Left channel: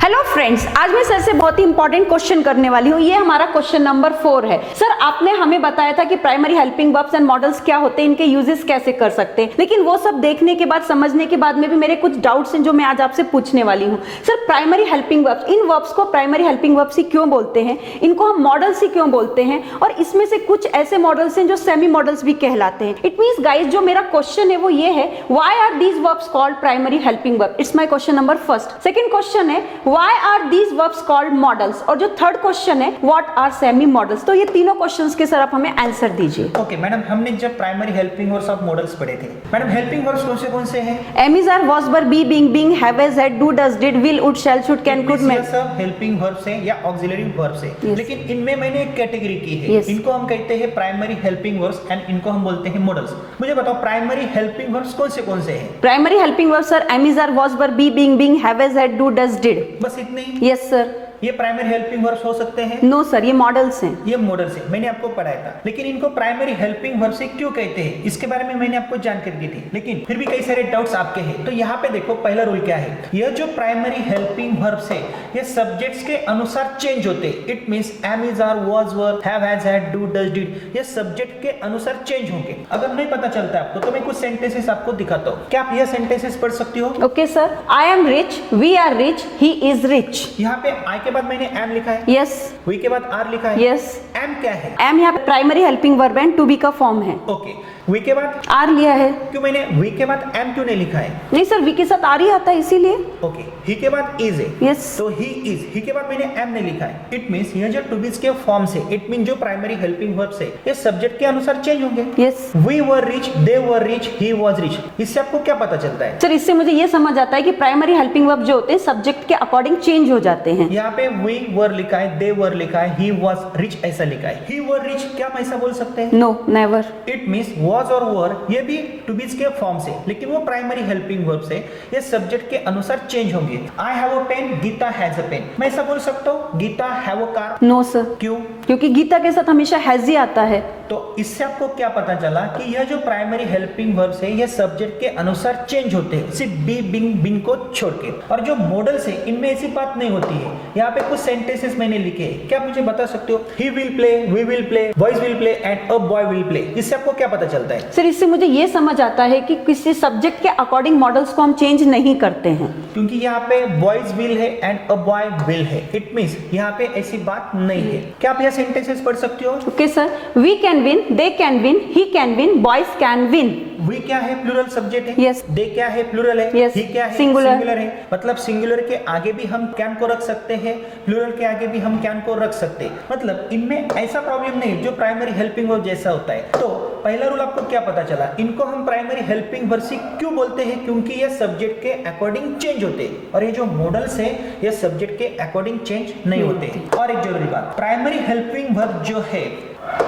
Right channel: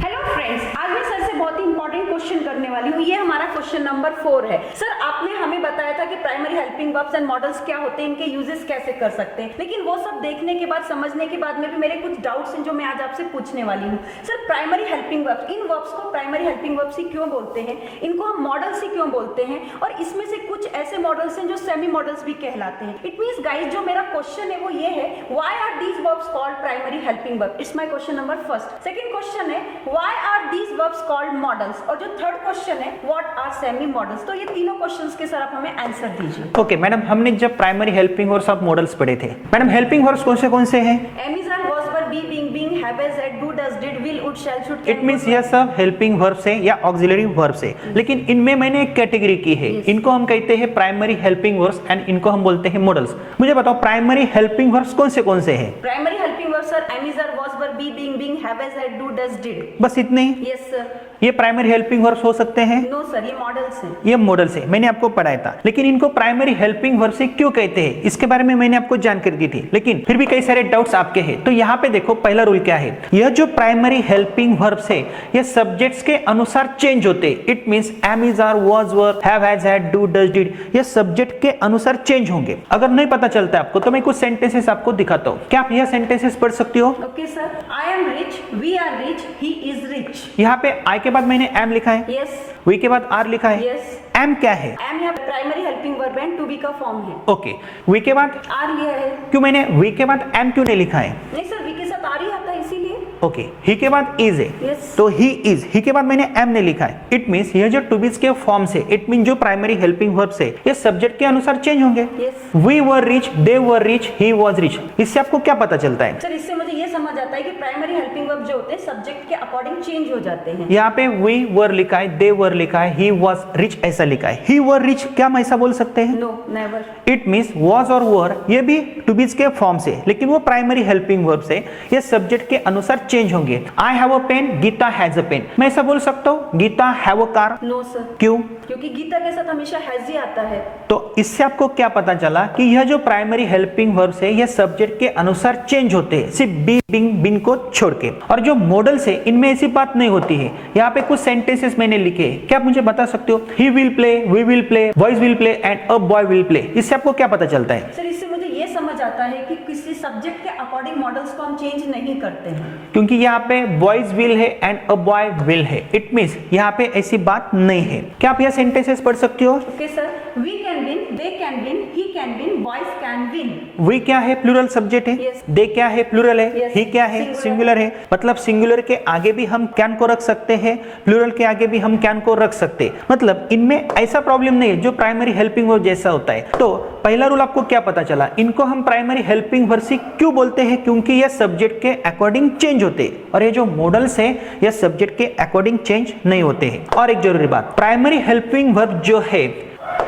Hello friends, आज मैं sir से बहुत ही इंपॉर्टेंट क्वेश्चन करने वाली हूँ। ये हमारा क्वेश्चन नंबर 4 है। सर, आपने हमें बताया था कि primary helping verbs and models क्या होते हैं, इनके यूजेस कैसे कर सकते हैं, लेकिन वो सब देखने के बाद, समझने के बाद में भी मेरे कुछ डाउट्स हैं जो मैं आज आपसे पूछने वाली हूँ। सर, प्राइमरी हेल्पिंग वर्ब्स, इन वर्ब्स को प्राइमरी हेल्पिंग वर्ब्स ही क्यों बोलते हैं, इनको हम मॉडल्स ही क्यों बोलते हैं, और इसमें से कुछ ऐसे मॉडल्स हैं जो सेमी मॉडल्स भी कहलाते हैं। इट मींस गाइस, जो मेरा क्वेश्चन है वो ये है, why are these verbs called primary helping verb? It's my question number first. Second question है, why are these verbs called models, और जो थर्ड क्वेश्चन है, what are semi models? तो ये तीनों क्वेश्चंस के सर आप हमें आंसर दीजिए। ओके मैडम, हमने जब प्राइमरी हेल्पिंग वर्ब्स और मॉडल्स पढ़े थे, मैडम हेल्पिंग वर्ब्स कौन से हैं? am is are was were be being being have as had do does did will would shall should can could ये सब हेल्पिंग वर्ब्स हैं या ऑक्सिलरी वर्ब्स हैं, लेकिन इनमें मैंने एक कैटेगरी की है। इनको हम कहते हैं प्राइमरी हेल्पिंग वर्ब्स एंड इनको हम बोलते हैं मॉडल्स। मुझे बताओ प्राइमरी हेल्पिंग वर्ब्स कौन से हैं? Primary helping verbs sir am is are was were be being being have as had do does did। बस इतने ही? Yes sir. ये प्राइमरी हेल्पिंग वर्ब्स हो सकते हैं? नो सर, ये मॉडल्स हैं। ये मॉडल्स हैं, मैंने आपको पढ़ाया था। लेकिन इनको प्राइमरी हेल्पिंग वर्ब से क्यों कहते हैं, इसके बारे में मैंने आपको जानकारी दी थी, लेकिन फिर भी कई सारे डाउट्स आपके हैं। तो यहाँ पे देखो, पहला रूल क्या है, यह जो प्राइमरी हेल्पिंग वर्ब्स है ये सब्जेक्ट्स के अनुसार चेंज होते हैं। It means am is are was were have has had do does did, ये सब्जेक्ट के अनुसार चेंज होंगे। अगर नहीं पता चलता है आपको तो मैं कुछ सेंटेंसेस आपको दिखाता हूँ, क्या आप यह सेंटेंसेस पढ़ सकते हो? Okay sir. I am rich, we are rich, he is rich. यहाँ पे आई के बाद मैंने एम लिखा है, यस। वी के बाद आर लिखा है, यस। एम क्या है? एम यहाँ पे primary helping verb and to be का फॉर्म है। ओके, वी के बाद आर लिया है। क्यों मैंने वी के बाद एम क्यों नहीं लिखा है? नहीं सर, वी के साथ आर ही आता है इसीलिए। ओके, ही के बाद इज है। यस। तो ही इज, ही के बाद मैंने एम नहीं लिखा है। इट मींस ये जो टू बीज के फॉर्म से, इट मीन जो प्राइमरी हेल्पिंग वर्ब से ये सब्जेक्ट के अनुसार चेंज होंगे। Yes. We were rich, they were rich, he was rich. इससे आपको क्या पता चलता है? सर, इससे मुझे ये समझ आता है कि प्राइमरी हेल्पिंग वर्ब जो होते हैं सब्जेक्ट के अकॉर्डिंग चेंज हो जाते हैं। यहाँ पे वी वर लिखा है, दे वर लिखा है, ही वाज रिच ऐसा लिखा है। ही वर रिच, क्या हम ऐसा बोल सकते हैं? No, never. It means was और वर ये भी टू बीज के फॉर्म से, लेकिन वो प्राइमरी हेल्पिंग वर्ब से ये सब्जेक्ट के अनुसार चेंज होंगे। I have a pen, Gita has a pen. मैं ऐसा बोल सकता हूँ Gita have a car? No sir. क्यों? क्योंकि गीता के साथ हमेशा हैज ही आता है। तो इससे आपको क्या पता चला कि यह जो प्राइमरी हेल्पिंग वर्ब्स है ये सब्जेक्ट के अनुसार चेंज होते हैं, सिर्फ बी बिंग बिन को छोड़ के। और जो मॉडल्स है इनमें ऐसी बात नहीं होती है। यहाँ पे कुछ सेंटेंसेस मैंने लिखे हैं, क्या आप मुझे बता सकते हो? He will play, we will play, boys will play and a boy will play. इससे आपको क्या पता चलता है? सर, इससे मुझे ये समझ आता है कि किसी सब्जेक्ट के अकॉर्डिंग मॉडल्स को हम चेंज नहीं करते हैं, क्योंकि यहाँ पे बॉयज विल है एंड अ बॉय विल है। इट मींस यहाँ पे ऐसी बात नहीं है। क्या आप यहाँ सेंटेंसेस पढ़ सकते हो? Okay sir. We can win, they can win, he can win, boys can win. We क्या है? प्लूरल सब्जेक्ट है। Yes. दे क्या है? प्लूरल है। Yes. ही क्या है? Singular. सिंगुलर है। मतलब सिंगुलर के आगे भी हम कैन को रख सकते हैं, प्लूरल के आगे भी हम कैन को रख सकते हैं। मतलब इनमें ऐसा प्रॉब्लम नहीं है जो प्राइमरी हेल्पिंग वर्ब जैसा होता है। तो पहला रूल आपको क्या पता चला? इनको हम प्राइमरी हेल्पिंग वर्ब से क्यों बोलते हैं? क्योंकि ये सब्जेक्ट के अकॉर्डिंग चेंज होते हैं, और ये जो मॉडल्स है ये सब्जेक्ट के अकॉर्डिंग चेंज नहीं होते हैं। और एक जरूरी बात, प्राइमरी हेल्पिंग वर्ब जो है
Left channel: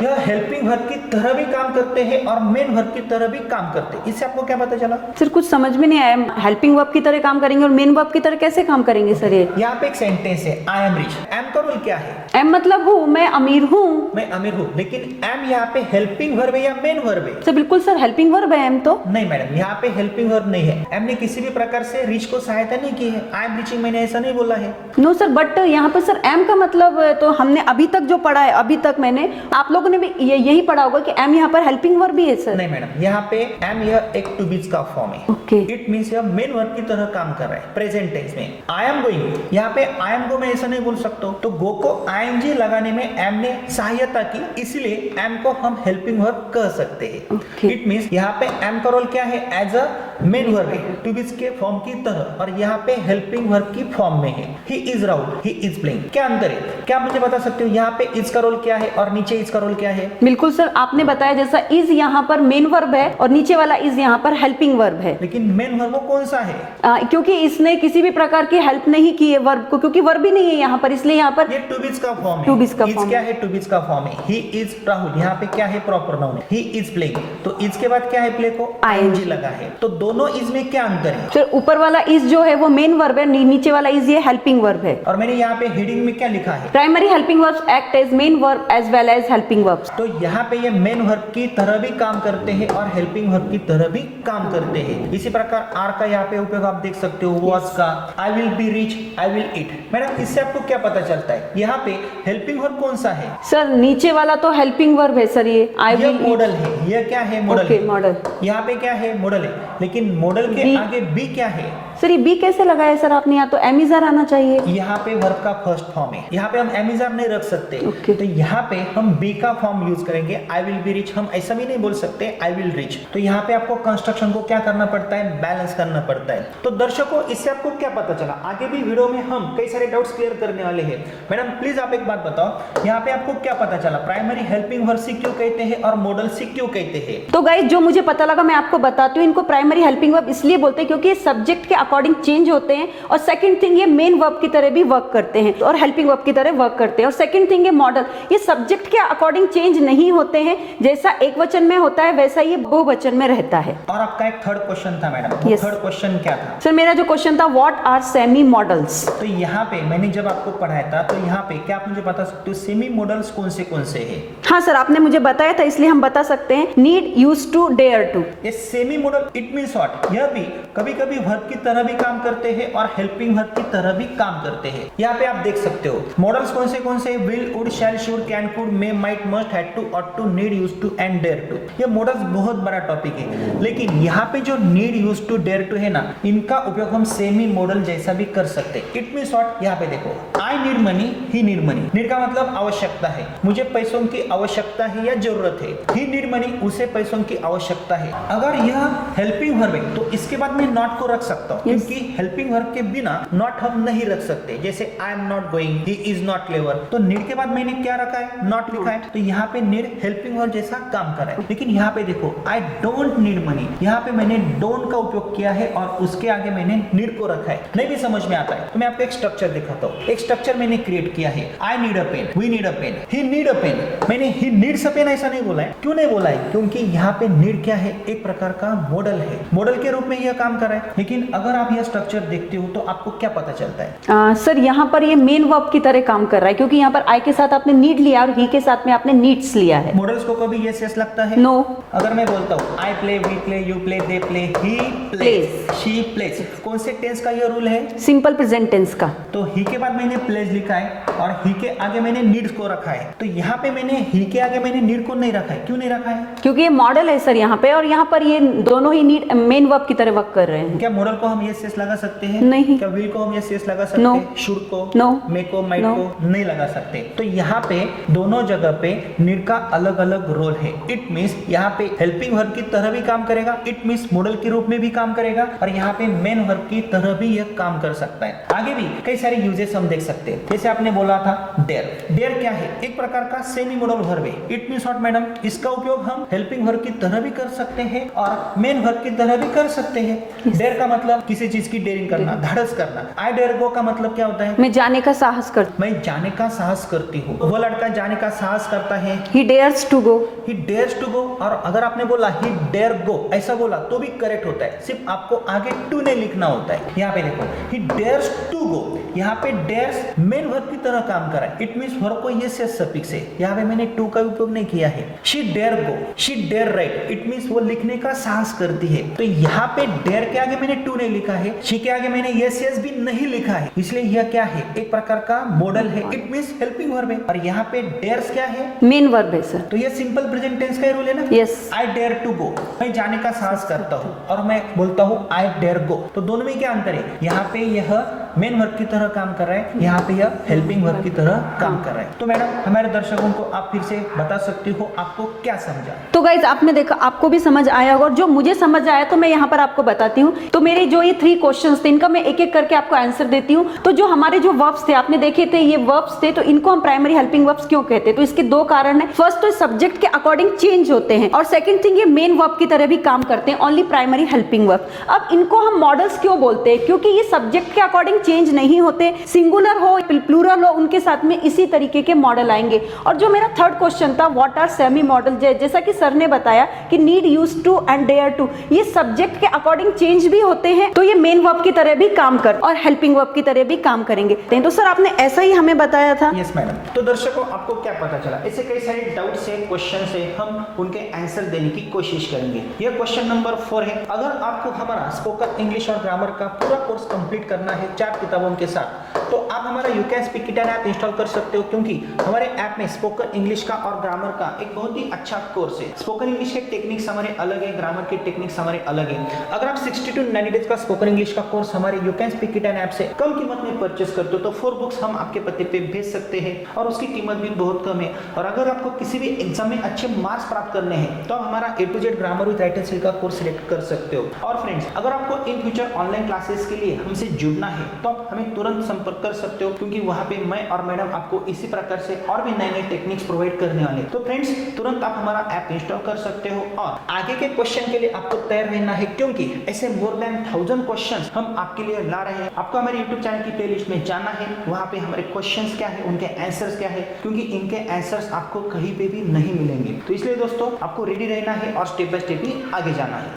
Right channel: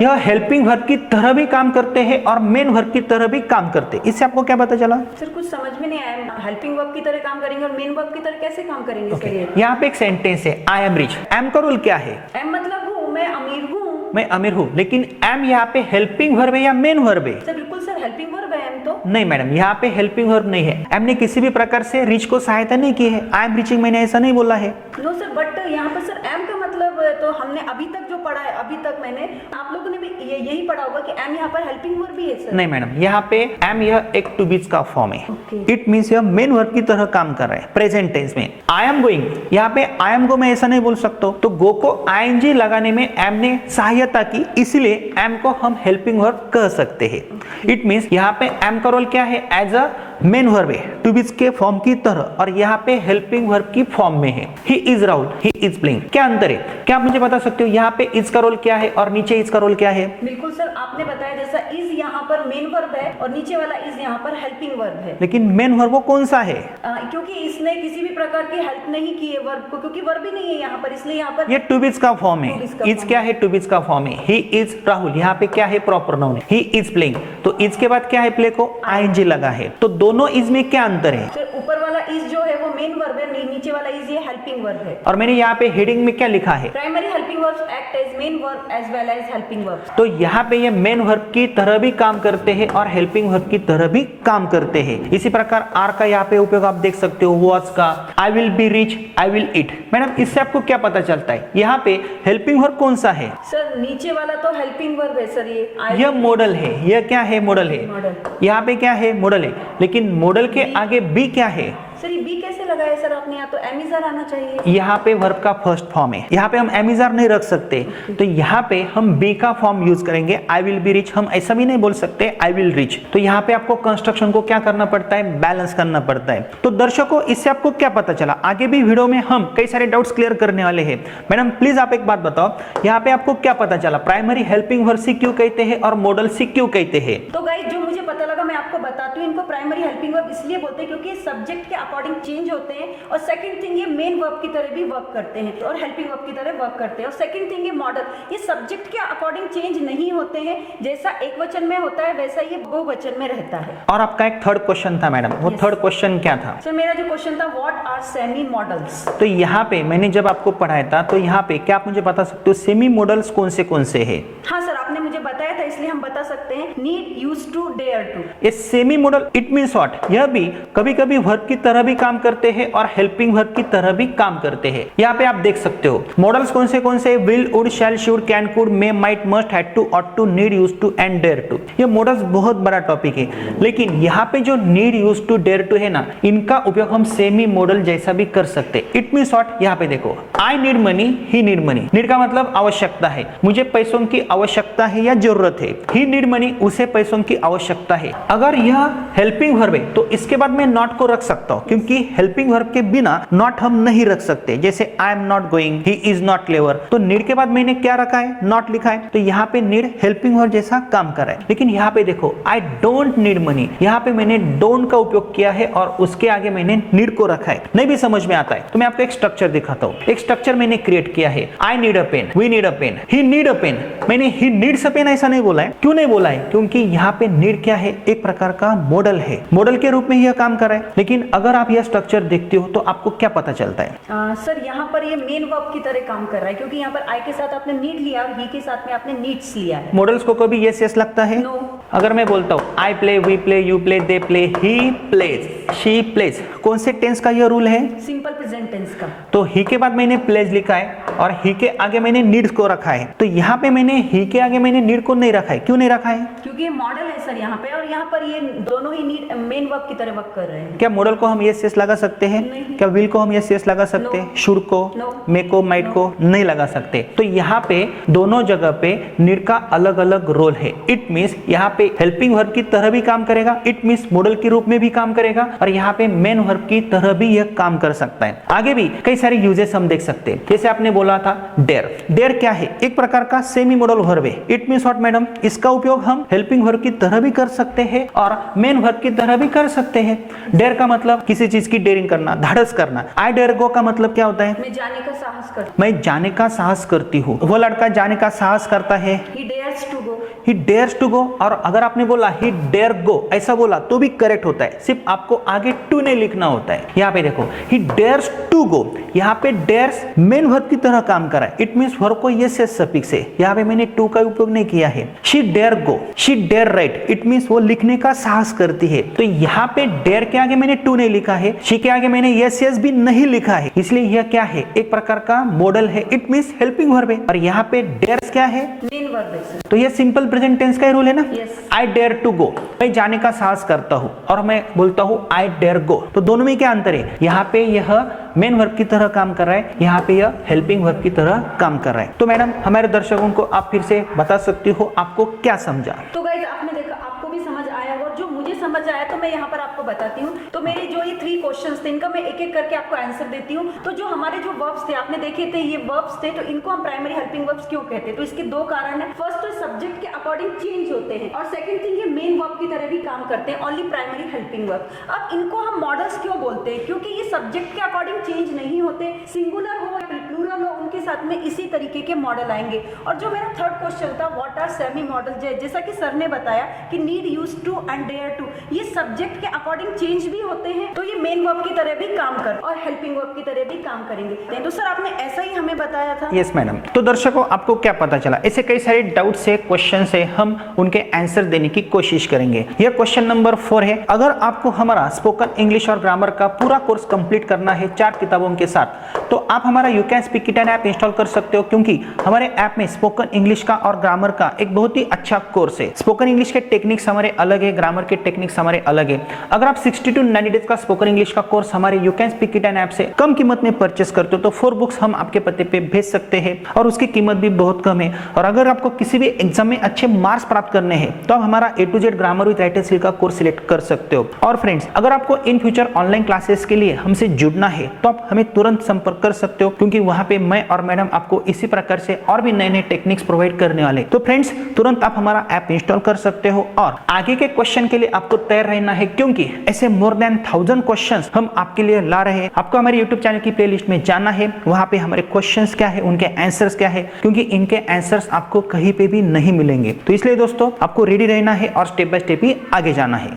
यह हेल्पिंग वर्ब की तरह भी काम करते हैं और मेन वर्ब की तरह भी काम करते हैं। इससे आपको क्या पता चला? सर, कुछ समझ में नहीं आया। हेल्पिंग वर्ब की तरह काम करेंगे और मेन वर्ब की तरह कैसे काम करेंगे? सर, ये यहाँ पे एक सेंटेंस है, आई एम रिच। एम का रूल क्या है? एम मतलब हूँ, मैं अमीर हूँ। मैं अमीर हूँ, लेकिन एम यहाँ पे हेल्पिंग वर्ब है या मेन वर्ब है? सर, बिल्कुल सर, हेल्पिंग वर्ब है एम तो। नहीं मैडम, यहाँ पे हेल्पिंग वर्ब नहीं है। एम ने किसी भी प्रकार से रिच को सहायता नहीं की है। आई एम रिचिंग मैंने ऐसा नहीं बोला है। नो सर, बट यहाँ पर सर एम का मतलब तो हमने अभी तक जो पढ़ा है, अभी तक मैंने, आप लोगों ने भी यही पढ़ा होगा कि एम यहाँ पर हेल्पिंग वर्ब भी है सर। नहीं मैडम, यहाँ पे एम यह एक टू बीज का फॉर्म है। Okay. इट मींस यह मेन वर्ब की तरह काम कर रहा है प्रेजेंट टेंस में। आई एम गोइंग, यहाँ पे आई एम गो मैं ऐसा नहीं बोल सकता, तो गो को आईएनजी लगाने में एम ने सहायता की, इसलिए एम को हम हेल्पिंग वर्ब कह सकते हैं। इट मींस यहाँ पे एम का रोल क्या है? एज अ मेन वर्ब है, टू बीज के फॉर्म की तरह, और यहाँ पे हेल्पिंग वर्ब की फॉर्म में है। He is Rahul, he is playing. क्या अंतर है? क्या आप मुझे बता सकते हो यहाँ पे इज का रोल क्या है और नीचे इज का रोल क्या है? बिल्कुल सर, आपने बताया जैसा इज यहाँ पर मेन वर्ब है और नीचे वाला इज यहाँ पर हेल्पिंग वर्ब है। लेकिन मेन वर्ब वो कौन सा है? क्योंकि इसने किसी भी प्रकार की हेल्प नहीं की है वर्ब को, क्योंकि वर्ब ही नहीं है यहाँ पर, इसलिए यहाँ पर ये टू बीज का फॉर्म है। टू बीज का इज फॉर्म क्या है? टू बीज का फॉर्म है। ही इज राहुल, यहाँ पे क्या है? प्रॉपर नाउन है। ही इज प्लेइंग, तो इज के बाद क्या है? प्ले को आईएनजी लगा है। तो दोनों दोनों इज में क्या अंतर है? सर ऊपर वाला इज जो है वो मेन वर्ब है, नीचे वाला इज ये हेल्पिंग वर्ब है। और मैंने यहाँ पे हेडिंग में क्या लिखा है? Primary helping verbs act as main verb as well as helping verbs. तो यहाँ पे ये मेन वर्ब की तरह भी काम करते हैं और हेल्पिंग वर्ब की तरह भी काम करते हैं। इसी प्रकार आर का यहाँ पे उपयोग आप देख सकते हो, वॉज का, I will be rich, I will eat. Madam इससे आपको क्या पता चलता है? यहाँ पे हेल्पिंग वर्ब कौन सा है? सर नीचे वाला तो हेल्पिंग वर्ब है सर, ये मॉडल है। यह क्या है? मॉडल है। मॉडल यहाँ पे क्या है? मॉडल है। लेकिन मॉडल के आगे बी क्या है? सर ये बी कैसे लगाया सर आपने? यहाँ तो एमिजर आना चाहिए। यहाँ पे वर्ब का फर्स्ट फॉर्म है, यहाँ पे हम एमिजर नहीं रख सकते। तो यहाँ पे हम बी का फॉर्म यूज करेंगे, आई विल बी रिच। हम ऐसा भी नहीं बोल सकते आई विल रिच। तो यहाँ पे आपको कंस्ट्रक्शन को क्या करना पड़ता है? बैलेंस करना पड़ता है। तो दर्शकों इससे आपको क्या पता चला? आगे भी वीडियो में हम कई सारे डाउट्स क्लियर करने वाले हैं। मैडम प्लीज आप एक बात बताओ, यहाँ पे आपको क्या पता चला? प्राइमरी हेल्पिंग वर्ब सी क्यों कहते हैं और मॉडल सी क्यों कहते हैं? तो गाइस जो मुझे पता लगा मैं आपको बताती हूँ। इनको प्राइमरी हेल्पिंग वर्ब इसलिए बोलते हैं क्योंकि सब्जेक्ट के अकॉर्डिंग चेंज होते हैं, और सेकंड थिंग ये मेन वर्ब की तरह भी वर्क करते हैं और हेल्पिंग वर्ब की तरह वर्क करते हैं। और सेकंड थिंग ये मॉडल, ये सब्जेक्ट के अकॉर्डिंग चेंज नहीं होते हैं। जैसा एक वचन में होता है वैसा ये बहुवचन में रहता है। और आपका एक थर्ड क्वेश्चन था मैडम, वो थर्ड क्वेश्चन क्या था? सर मेरा जो क्वेश्चन था व्हाट आर सेमी मॉडल्स। तो यहाँ पे मैंने जब आपको पढ़ाया था तो यहाँ पे क्या आप मुझे बता सकते हो सेमी मॉडल्स कौन से हैं? हाँ सर आपने मुझे बताया था इसलिए हम बता सकते हैं। Need, use to, dare to. ये semi model it means what? यह भी कभी कभी वर्ब की तरह भी काम करते हैं और हेल्पिंग वर्ब की तरह भी काम करते हैं। यहाँ पे आप देख सकते हो मॉडल्स कौन से will, would, shall, should, can, could, may, might, must, had to, ought to, need, use to and dare to. ये मॉडल्स बहुत बड़ा टॉपिक है, लेकिन यहाँ पे जो need, use to, dare to है ना, इनका उपयोग हम सेमी मॉडल जैसा भी कर सकते हैं। It means what? यहाँ पे देखो, I need money, he need money. Need का मतलब आवश्यकता है, मुझे पैसों की आवश्यकता है या जरूरत है। ही नीड मनी, उसे पैसों की आवश्यकता है। अगर यह हेल्पिंग वर्ब है तो इसके बाद मैं नॉट को रख सकता हूँ, क्योंकि हेल्पिंग वर्ब के बिना नॉट हम नहीं रख सकते। जैसे I am not going, he is not clever, तो नीड के बाद मैंने क्या रखा है? नॉट लिखा है। तो यहाँ पे नीड हेल्पिंग वर्ब जैसा काम कर रहा है। लेकिन यहाँ पे देखो आई डोंट नीड मनी, यहाँ पे मैंने डोंट का उपयोग किया है और उसके आगे मैंने नीड को रखा है। नहीं भी समझ में आता है तो मैं आपको एक स्ट्रक्चर दिखाता हूँ। एक स्ट्रक्चर मैंने क्रिएट किया है। I need a pen, we need a pen, he need a pen. मैंने ही नीड्स अ पेन ऐसा नहीं बोला है। क्यों नहीं बोला है? क्योंकि यहाँ पे नीड क्या है? एक प्रकार का मॉडल है, मॉडल के रूप में यह काम कर रहा है। लेकिन अगर आप यह स्ट्रक्चर देखते हो तो आपको क्या पता चलता है? सर यहाँ पर ये मेन वर्ब की तरह काम कर रहा है, क्योंकि यहाँ पर आई के साथ आपने नीड लिया और ही के साथ में आपने नीड्स लिया है। मॉडल्स को कभी यस यस लगता है? नो। अगर मैं बोलता हूँ I play, we play, you play, they play, he plays, she plays, कौन से टेंस का यह रूल है? सिंपल प्रेजेंट टेंस का। तो ही के बाद मैंने प्लेज लिखा है और ही के आगे मैंने नीड्स को रखा है। तो यहाँ पे मैंने ही के आगे मैंने नीड को नहीं रखा है। क्यों नहीं रखा है? क्योंकि ये मॉडल है सर यहाँ पे, और यहाँ पर ये दोनों ही नीड मेन वर्ब की तरह वर्क कर रहे हैं। क्या मॉडल को हम यस यस लगा सकते हैं? नहीं। क्या विल को हम यस यस लगा सकते हैं? शुड को, मे को, माइट को नहीं लगा सकते। तो यहाँ पे दोनों जगह पे नीड का अलग अलग रोल है। इट मींस यहाँ पे हेल्पिंग वर्ब की तरह भी काम करेगा, इट मींस मॉडल के रूप में भी काम करेगा, और यहाँ पे मेन वर्ब की तरह भी यह काम कर सकता है। आगे भी कई सारे यूजेस हम देख सकते हैं। जैसे आपने बोला था डेयर। डेयर क्या है? एक प्रकार का सेमी मॉडल वर्ब है। It means what madam? इसका उपयोग हम हेल्पिंग वर्ब की तरह भी कर सकते हैं और मेन वर्ब की तरह भी कर सकते हैं। डेयर का मतलब किसी चीज की डेयरिंग करना, धाड़स करना। आई डेयर गो का मतलब क्या होता है? मैं जाने का साहस करती मैं जाने का साहस करती हूँ। वो लड़का जाने का साहस करता है। He dares to go. He dares to go। और अगर आपने बोला he dare go ऐसा बोला तो भी करेक्ट होता है, सिर्फ आपको आगे टू नहीं लिखना होता है। यहाँ पे देखो he dares to go, यहाँ पे dares मेन वर्ब की तरह काम कर रहा है। इट मींस वर्ब को यस यस सफिक्स है। यहाँ पे मैंने टू का उपयोग नहीं किया है। she dare go, she dare write, it means वो लिखने का साहस करती है। तो यहाँ पे dare के आगे मैंने टू नहीं लिखा है, she के आगे मैंने यस यस भी नहीं लिखा है, इसलिए यह क्या है? एक प्रकार का मॉडल है। इट मींस हेल्पिंग वर्ब है। और यहाँ पे dares क्या है? मेन वर्ब है सर। तो ये सिंपल प्रेजेंट टेंस का रूल है ना? Yes. I dare to go, मैं जाने का साहस करता हूँ, और मैं बोलता हूँ आई डेयर गो। तो दोनों में क्या अंतर है? यहाँ पे यह मेन वर्ब की तरह काम कर रहा है, यहाँ पे यह हेल्पिंग वर्ब की तरह काम कर रहा है। तो मैडम हमारे दर्शकों को आप फिर से बता सकती हो आपको क्या समझा? तो गाइज आपने देखा, आपको भी समझ आया होगा, और जो मुझे समझ आया तो मैं यहाँ पर आपको बताती हूँ। तो मेरे जो ये 3 क्वेश्चंस थे इनका मैं एक एक करके आपको आंसर देती हूँ। तो जो हमारे जो वर्ब्स थे आपने देखे थे, ये वर्ब्स थे, तो इनको हम प्राइमरी हेल्पिंग वर्ब्स क्यों कहते हैं? तो इसके 2 कारण है। फर्स्ट तो सब्जेक्ट के अकॉर्डिंग चेंज होते हैं, और सेकंड थिंग ये मेन वर्ब की तरह भी काम करते हैं, ओनली प्राइमरी हेल्पिंग वर्ब। अब इनको हम मॉडल्स क्यों बोलते हैं? क्योंकि ये सब्जेक्ट के अकॉर्डिंग चेंज नहीं होते, सिंगुलर हो प्लूरल हो उनके साथ में इसी तरीके के मॉडल आएंगे। और जो मेरा थर्ड क्वेश्चन था व्हाट आर सेमी मॉडल, जैसा कि सर ने बताया कि need, use to and dare to, ये सब्जेक्ट के अकॉर्डिंग चेंज भी होते हैं, तो ये मेन वर्ब की तरह भी काम कर और हेल्पिंग वर्ब की तरह भी काम करेंगे। तो सर आपने ऐसा ही हमें बताया था। Yes madam. तो दर्शकों आपको क्या पता चला, ऐसे कई सारे डाउट से क्वेश्चन से हम उनके आंसर देने की कोशिश करेंगे। यह क्वेश्चन नंबर 4 है। अगर आपको हमारा स्पोकन इंग्लिश और ग्रामर का पूरा कोर्स कंप्लीट करना है 4 किताबों के साथ, तो आप हमारा you can speak it app install कर सकते हो, क्योंकि हमारे ऐप में स्पोकन इंग्लिश का और ग्रामर का एक बहुत ही अच्छा कोर्स है। स्पोकन इंग्लिश के टेक्निक्स हमारे अलग है, ग्रामर के टेक्निक्स हमारे अलग है। अगर आप 60 to 90 डेज का स्पोकन इंग्लिश का कोर्स हमारे you can speak it app से कम कीमत में परचेस करते हो तो 4 बुक्स हम आपके पते पे भेज सकते हैं और उसकी कीमत भी बहुत कम है। और अगर आपको किसी भी एग्जाम में अच्छे मार्क्स प्राप्त करने हैं तो आप हमारा A to Z grammar with writer skill का कोर्स सिलेक्ट कर सकते हो। और फ्रेंड्स, अगर आपको इन फ्यूचर ऑनलाइन क्लासेस के लिए हमसे जुड़ना है तो आप हमें तुरंत संपर्क कर सकते हो, क्योंकि वहां पे मैं और मैडम आपको इसी प्रकार से और भी नए नए टेक्निक्स प्रोवाइड करने वाले। तो फ्रेंड्स, तुरंत आप हमारा ऐप इंस्टॉल कर सकते हो और आगे के क्वेश्चन के लिए आपको तैयार रहना है, क्योंकि ऐसे मोर देन 1000 क्वेश्चंस हम आपके लिए ला रहे हैं। आपको हमारे यूट्यूब चैनल की प्लेलिस्ट में जाना है, वहां पे हमारे क्वेश्चंस क्या है, उनके आंसर्स क्या है, क्योंकि इनके आंसर्स आपको कहीं पे भी नहीं मिलेंगे। तो इसलिए दोस्तों आपको रेडी रहना है और स्टेप बाय स्टेप ही आगे जाना है।